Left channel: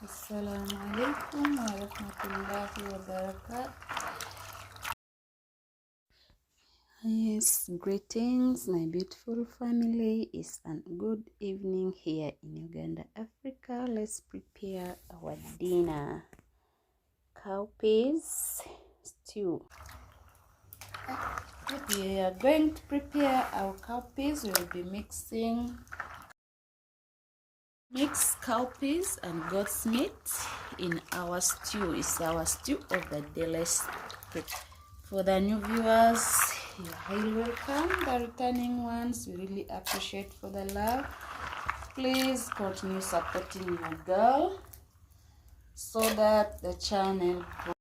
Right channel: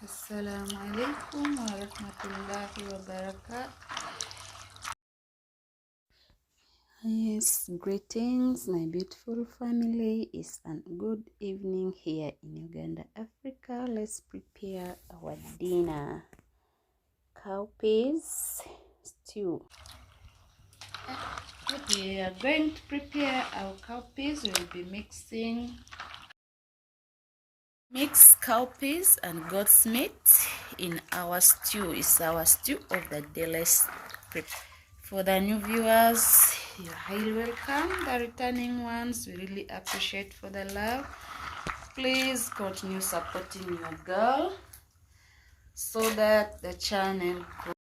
Assalamu alaikum wa rahmatullahi wa barakatuh. Yes, greetings my beautiful family. It's a good evening here in Uganda, Africa. Let's prepare our dinner. Cowpeas stew. We are going to prepare our cowpeas. We will be mixed cowpeas and goat's meat in our stew. It's our stew of the day. Let's prepare. For the new viewers, you're highly welcome. The returning ones, we really appreciate for the love. Please continue supporting your girl so that the channel grows.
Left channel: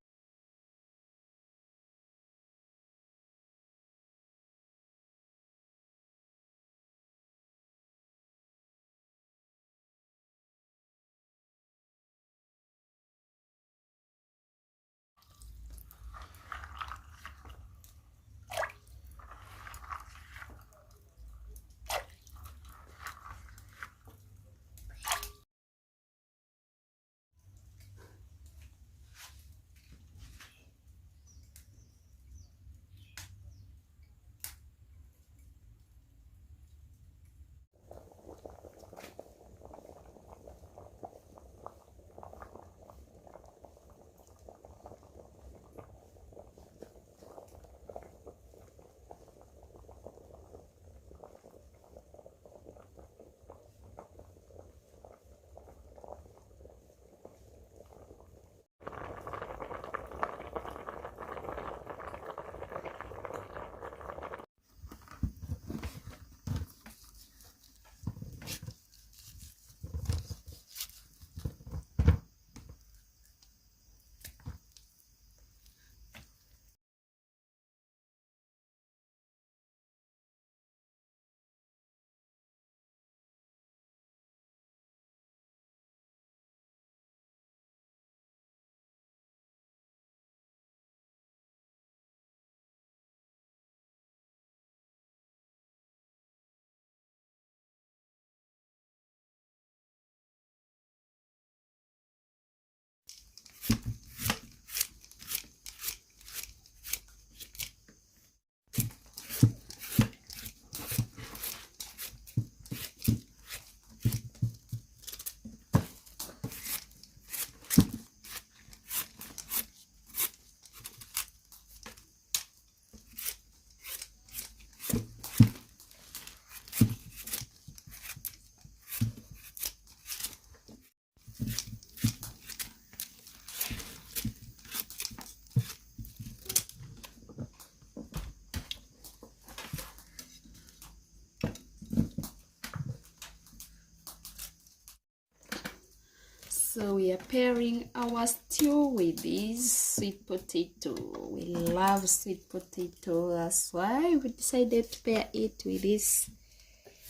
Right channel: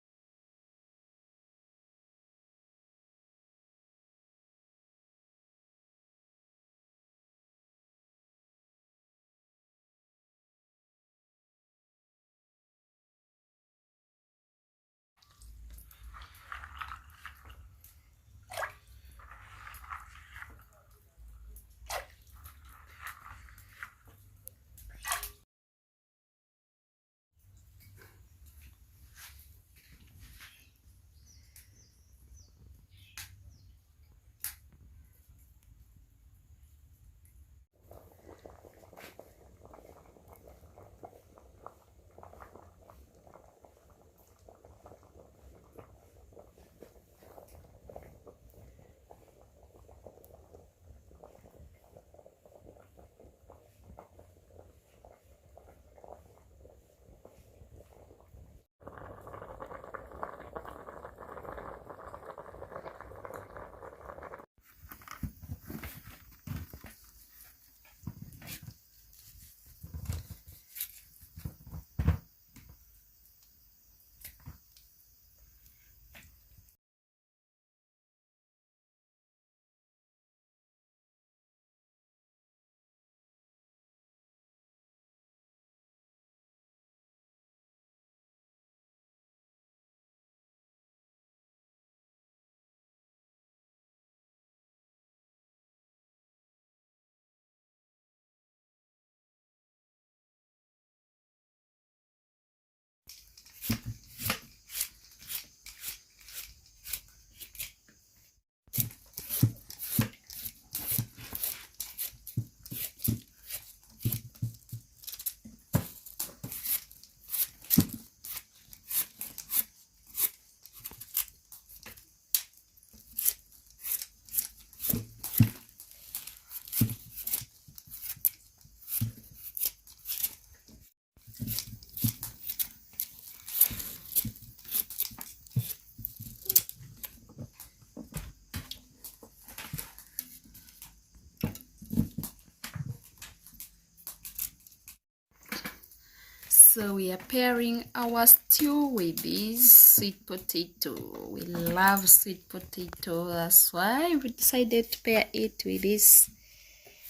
So we are pairing our stew with this sweet potato. We love sweet potato. That's why we decided to pair it with this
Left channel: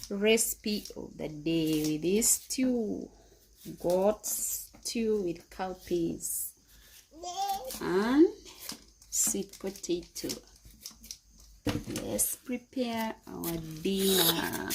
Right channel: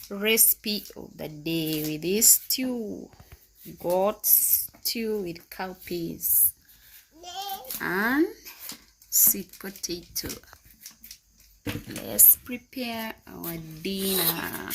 recipe of the day, with this stew. Goat stew with cowpeas and sweet potato. Let's prepare our dinner.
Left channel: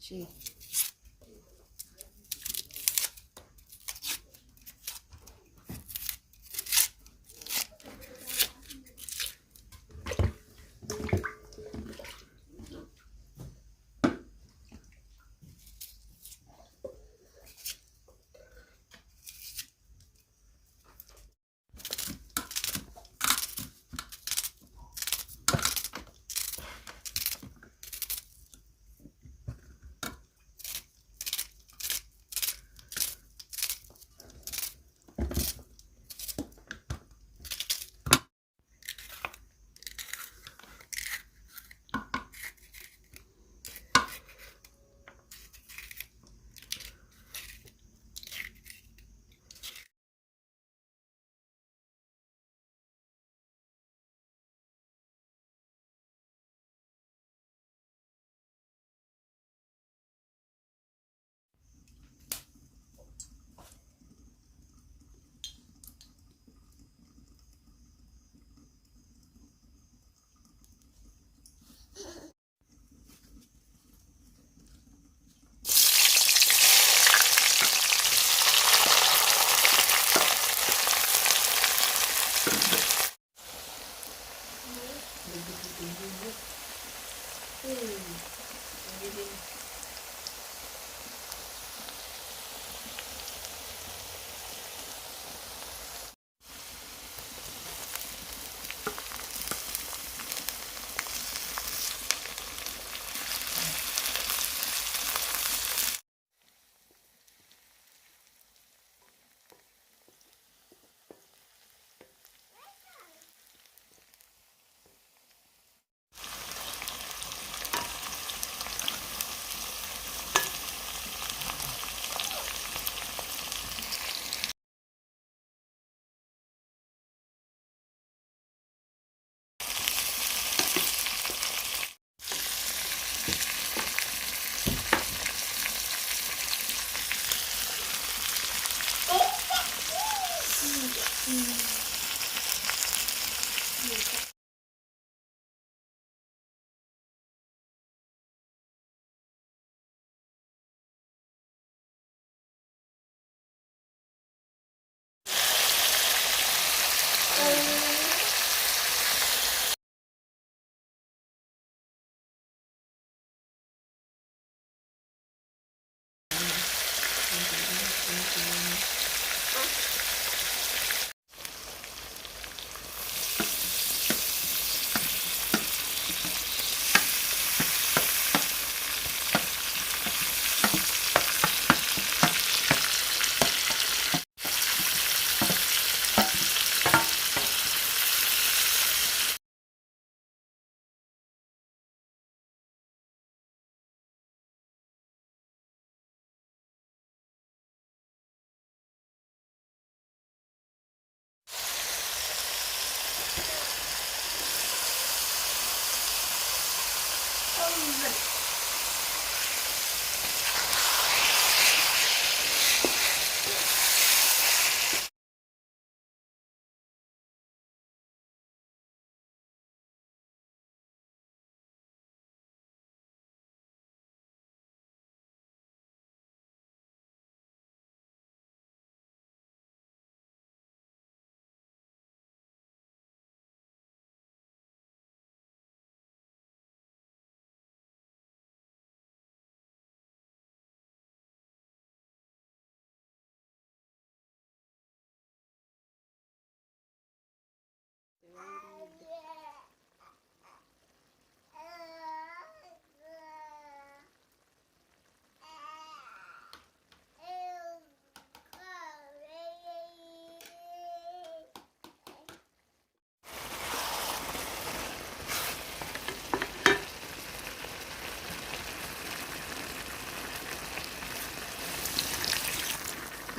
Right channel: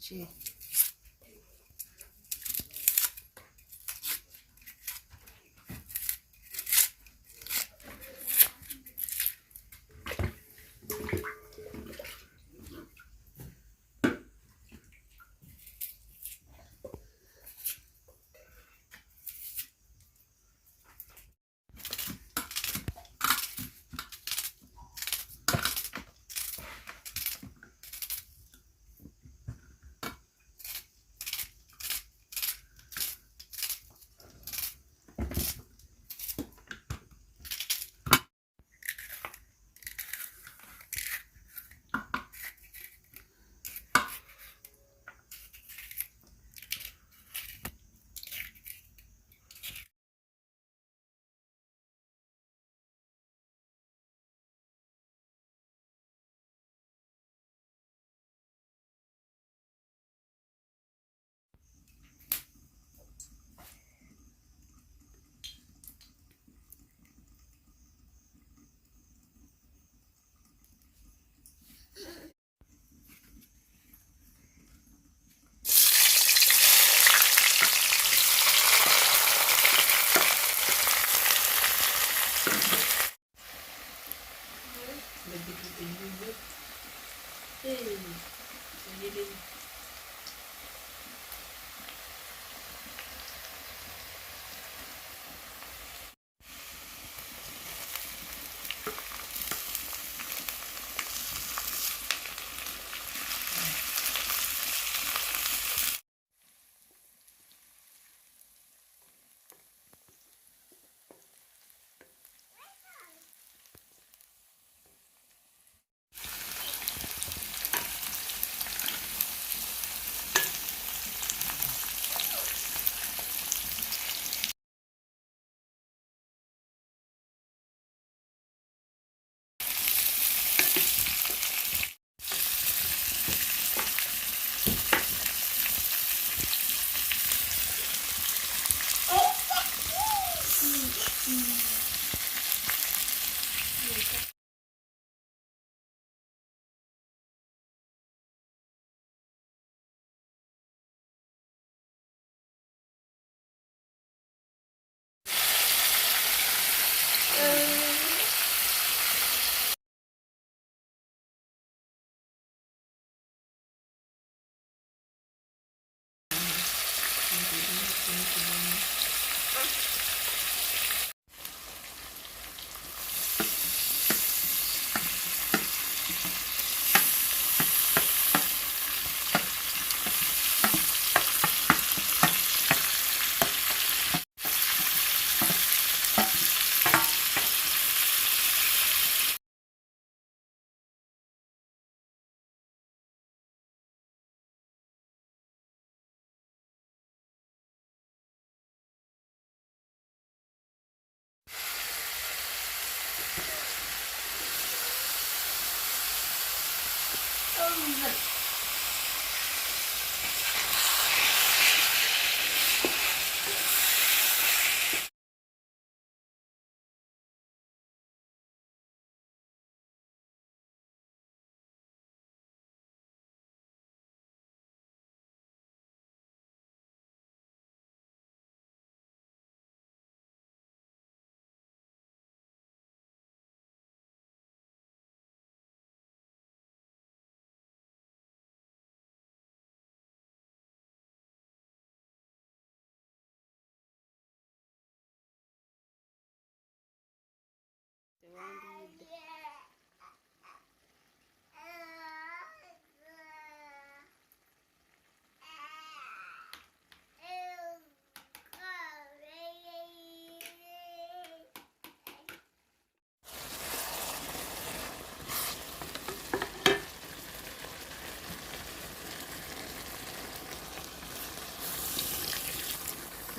Gee.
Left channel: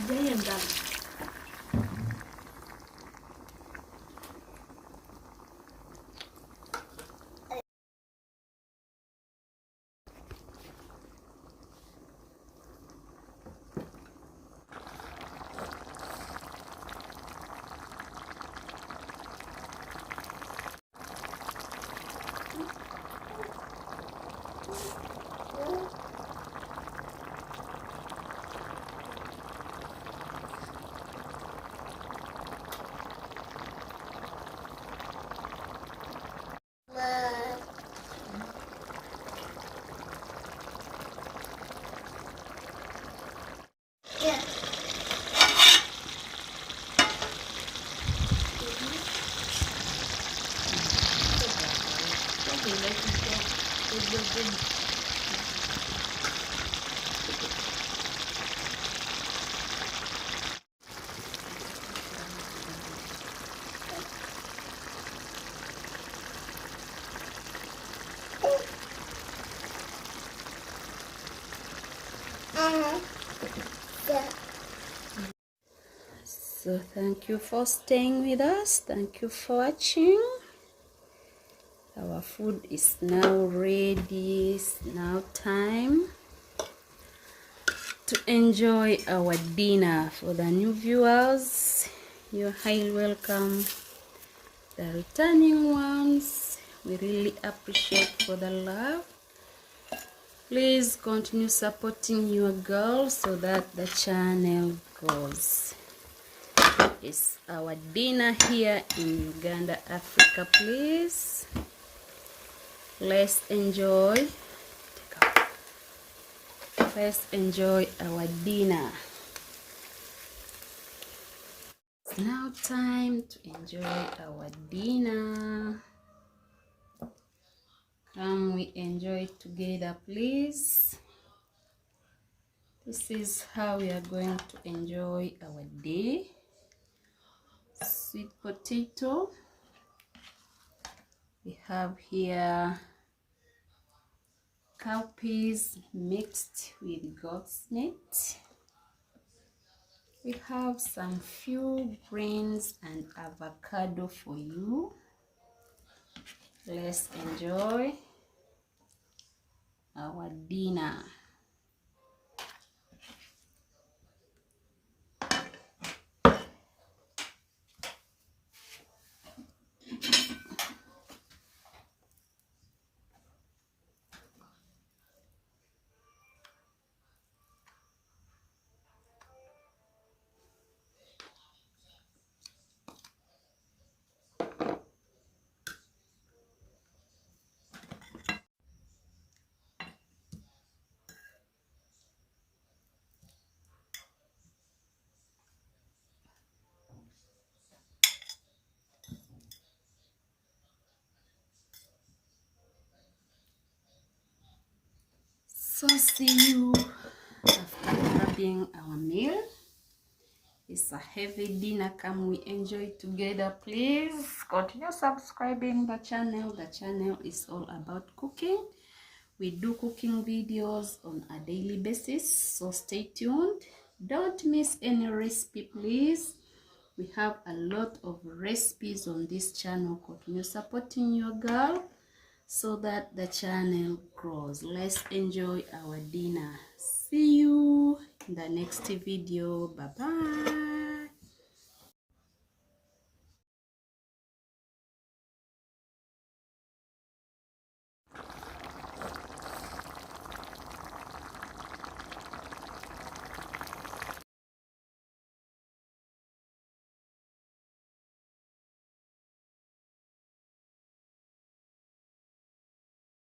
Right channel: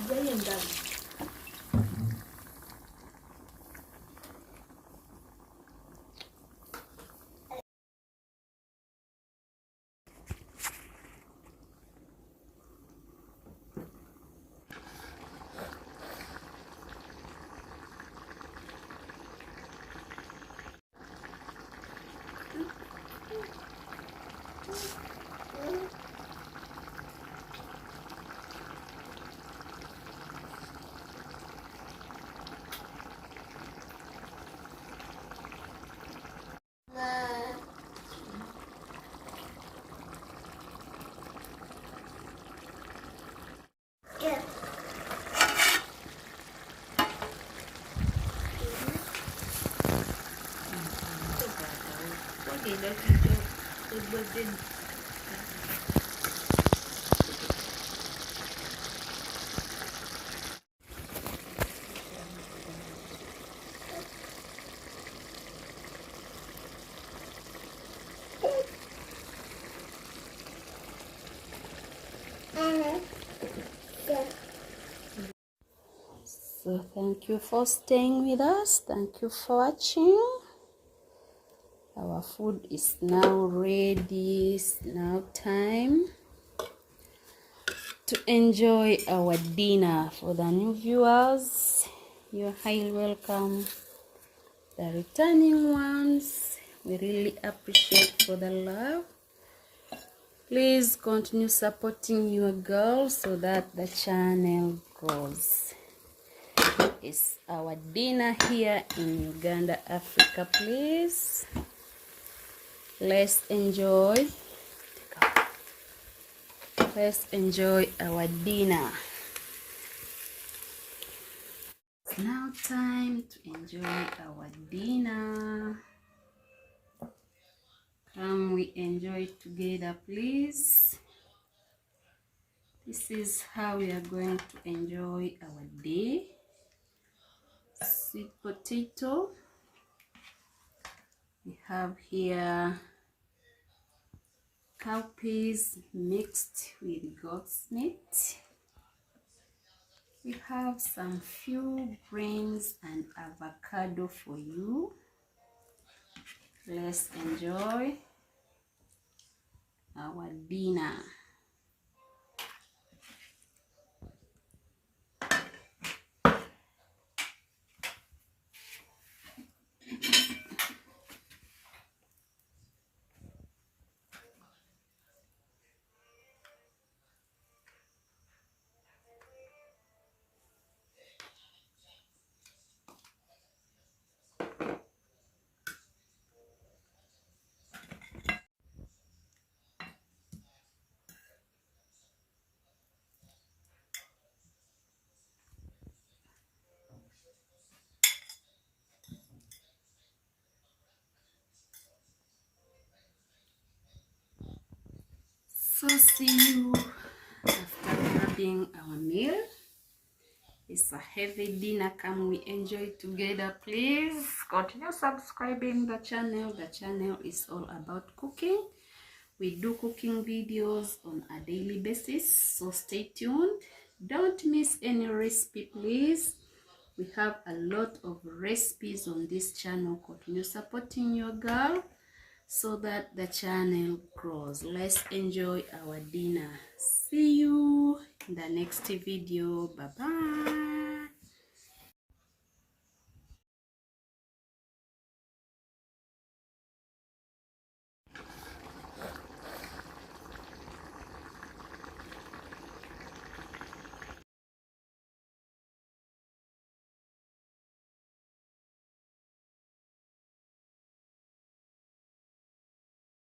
Ganyan lang. Okay, let me go. So thank you for staying with us. Thank you for watching. Our food is now ready. It's now time to enjoy our dinner. For the new viewers, you're highly welcome. The returning ones, we really appreciate for the love. Please continue supporting your girl so that the channel grows. It's our dinner here in Uganda, Africa. Please, let's enjoy. Let's enjoy our dinner. It's now time to enjoy our dinner. Come, we enjoy together, please. This is how we are going to enjoy our day. Sweet potato. We have here cowpeas mixed with goat's meat. We have some few greens and avocado for you. Let's enjoy our dinner. So see you after having our meal. It's a heavy dinner. Come, we enjoy together. Please continue subscribing the channel. The channel is all about cooking. We do cooking videos on a daily basis, so stay tuned. Don't miss any recipe, please. We have a lot of recipes on this channel. Continue supporting your girl so that the channel grows. Let's enjoy our dinner. See you in the next video. Bye bye.